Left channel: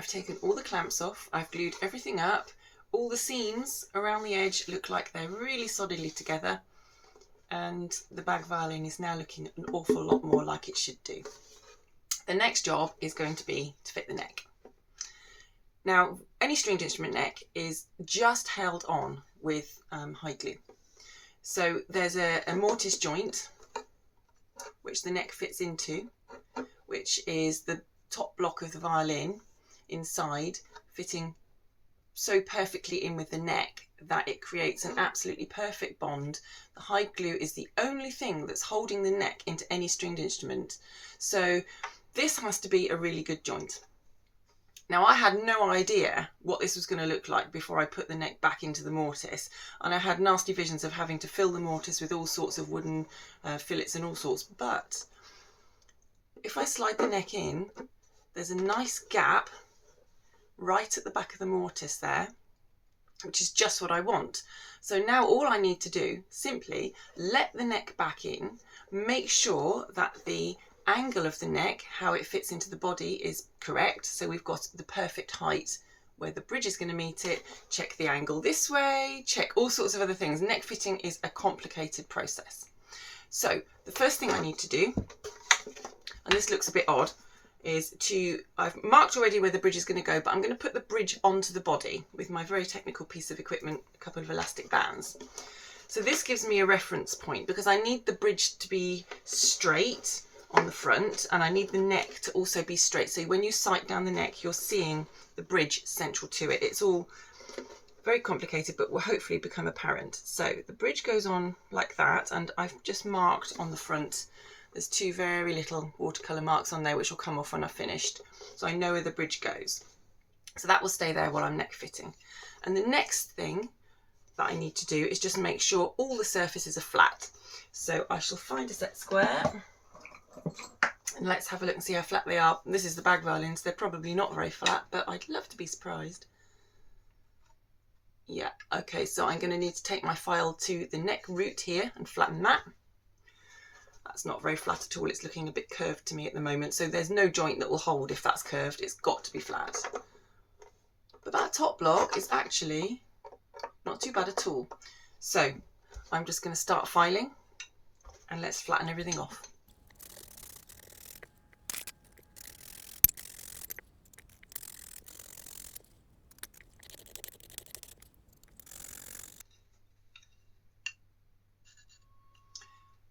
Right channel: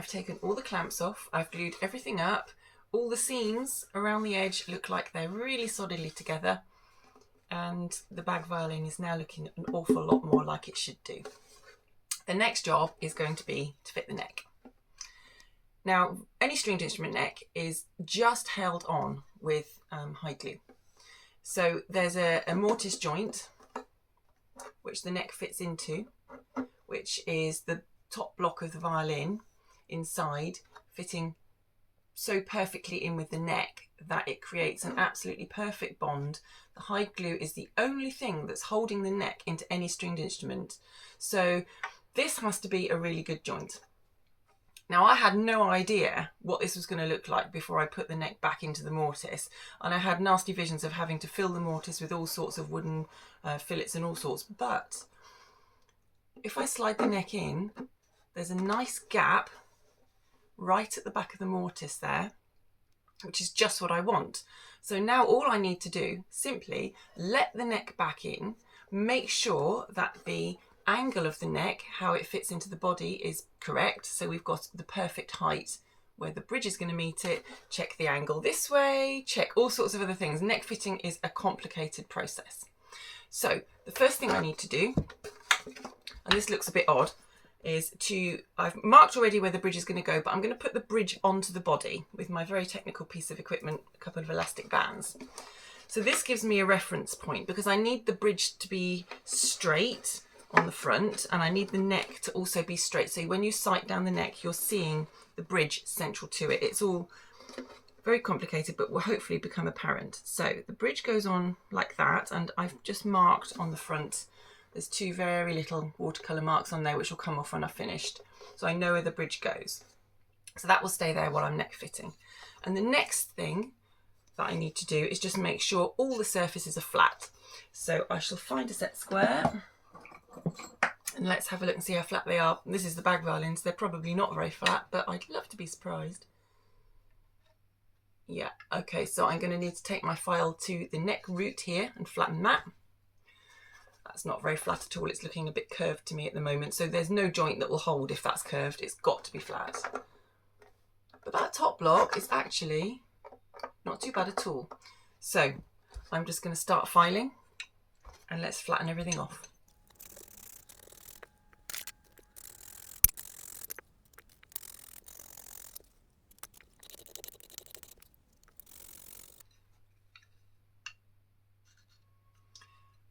I've taken all the clamps off, I've glued everything up, all the seams around the edge look like they're really solidly together, and the bag violin is now looking an awful lot more like it should do. The next job is going to be to fit the neck. Now, any stringed instrument neck is just held on with hide glue. So there's a mortise joint which the neck fits into, which is the top block of the violin inside, fitting so perfectly in with the neck that it creates an absolutely perfect bond. The hide glue is the only thing that's holding the neck into any stringed instrument. So this has to be a really good joint. Now, I had no idea what this was going to look like before I put the neck back into the mortise, and I had nasty visions of having to fill the mortise with all sorts of wooden fillets and all sorts. But if I slide the neck in, there's a nice gap right at the back of the mortise there, which is just what I want. So now all I need to do, simply let the neck back in, make sure that the angle of the neck, how it fits into the body, is correct. So we've got the perfect height where the bridge is going to meet it, check the angle this way, check all sorts of other things. Neck fitting is a complicated process. So the first thing I need to do, and this looks a bit odd, is I've marked already where the bridge is going to go, but I'm going to put the bridge onto the body with my very technical piece of equipment, a couple of elastic bands. So this gives me a reference point because I need the bridge to be straight on the front, and I need the neck to also be straight. So when you sight down the neck, you're seeing the bridge central to it. It's all very complicated, but will hopefully become apparent. So the bridge goes on like that, and I've just marked on the front. There's two very little watercolour marks on there, which will come off when I've finished. So I know where the bridge goes. So that will stay there while I'm neck fitting. And the next thing that I need to do is just make sure all the surfaces are flat. So I shall find a set square. And let's have a look and see how flat they are. This is the bag violins. They're probably not very flat, but I'd love to be surprised. Yeah, okay, so I'm going to need to take my file to the neck root here and flatten that. That's not very flat at all. It's looking a bit curved to me at the moment. So there's no joint that will hold if that's curved. It's got to be flat. But that top block is actually not too bad at all. So I'm just going to start filing and let's flatten everything off.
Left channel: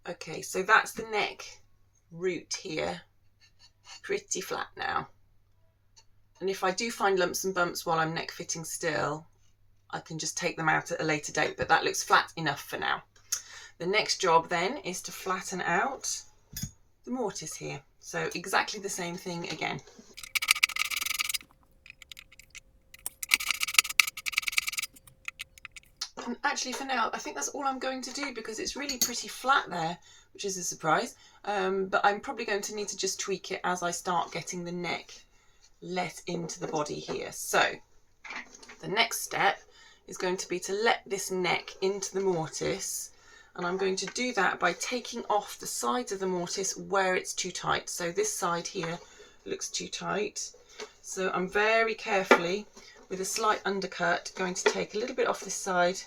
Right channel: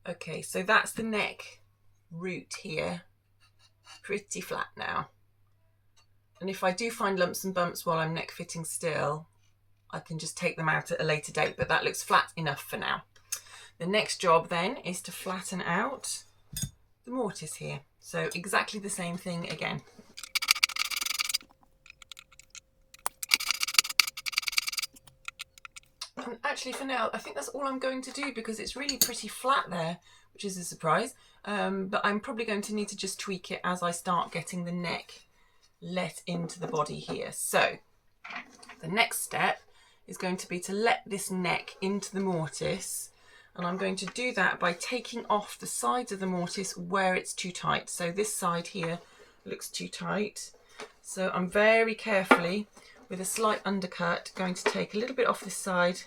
Okay, so that's the neck root here, pretty flat now. And if I do find lumps and bumps while I'm neck fitting still, I can just take them out at a later date, but that looks flat enough for now. The next job then is to flatten out the mortise here. So exactly the same thing again. And actually for now, I think that's all I'm going to do because it's really pretty flat there, which is a surprise. But I'm probably going to need to just tweak it as I start getting the neck let into the body here. So the next step is going to be to let this neck into the mortise. And I'm going to do that by taking off the sides of the mortise where it's too tight. So this side here looks too tight. So I'm very carefully, with a slight undercut, going to take a little bit off this side.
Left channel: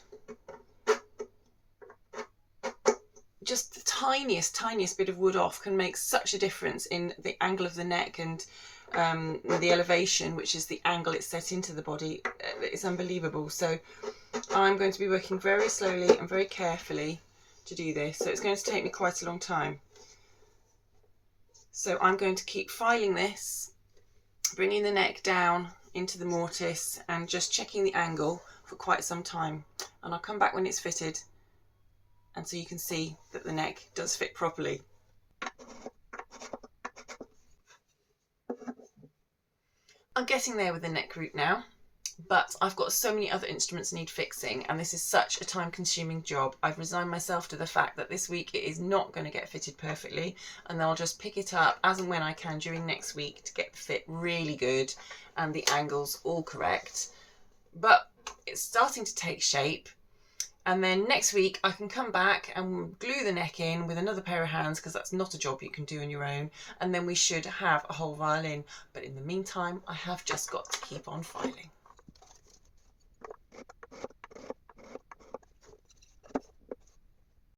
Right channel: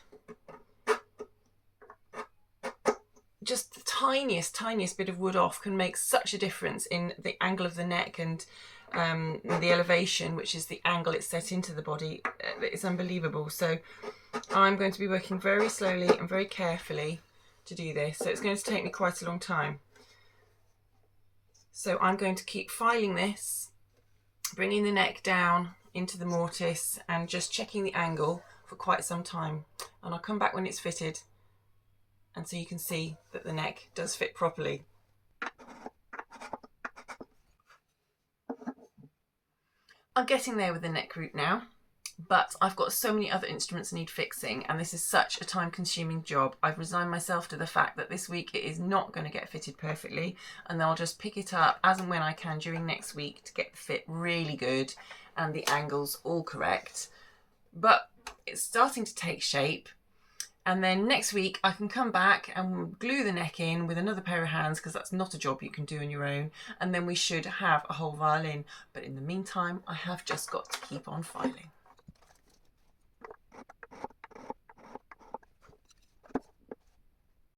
Just the tiniest bit of wood off can make such a difference in the angle of the neck and the elevation, which is the angle it's set into the body. It's unbelievable. So I'm going to be working very slowly and very carefully to do this. So it's going to take me quite a long time. So I'm going to keep filing this, bringing the neck down into the mortise and just checking the angle for quite some time. And I'll come back when it's fitted, and so you can see that the neck does fit properly. I'm getting there with the neck root now, but I've got so many other instruments that need fixing, and this is such a time-consuming job. I've resigned myself to the fact that this week it is not going to get fitted perfectly, and then I'll just pick it up as and when I can during next week to get the fit really good and the angles all correct. But it's starting to take shape. And then next week I can come back and glue the neck in with another pair of hands, because that's not a job you can do on your own. And then we should have a whole violin. But in the meantime, I have just got to keep on filing.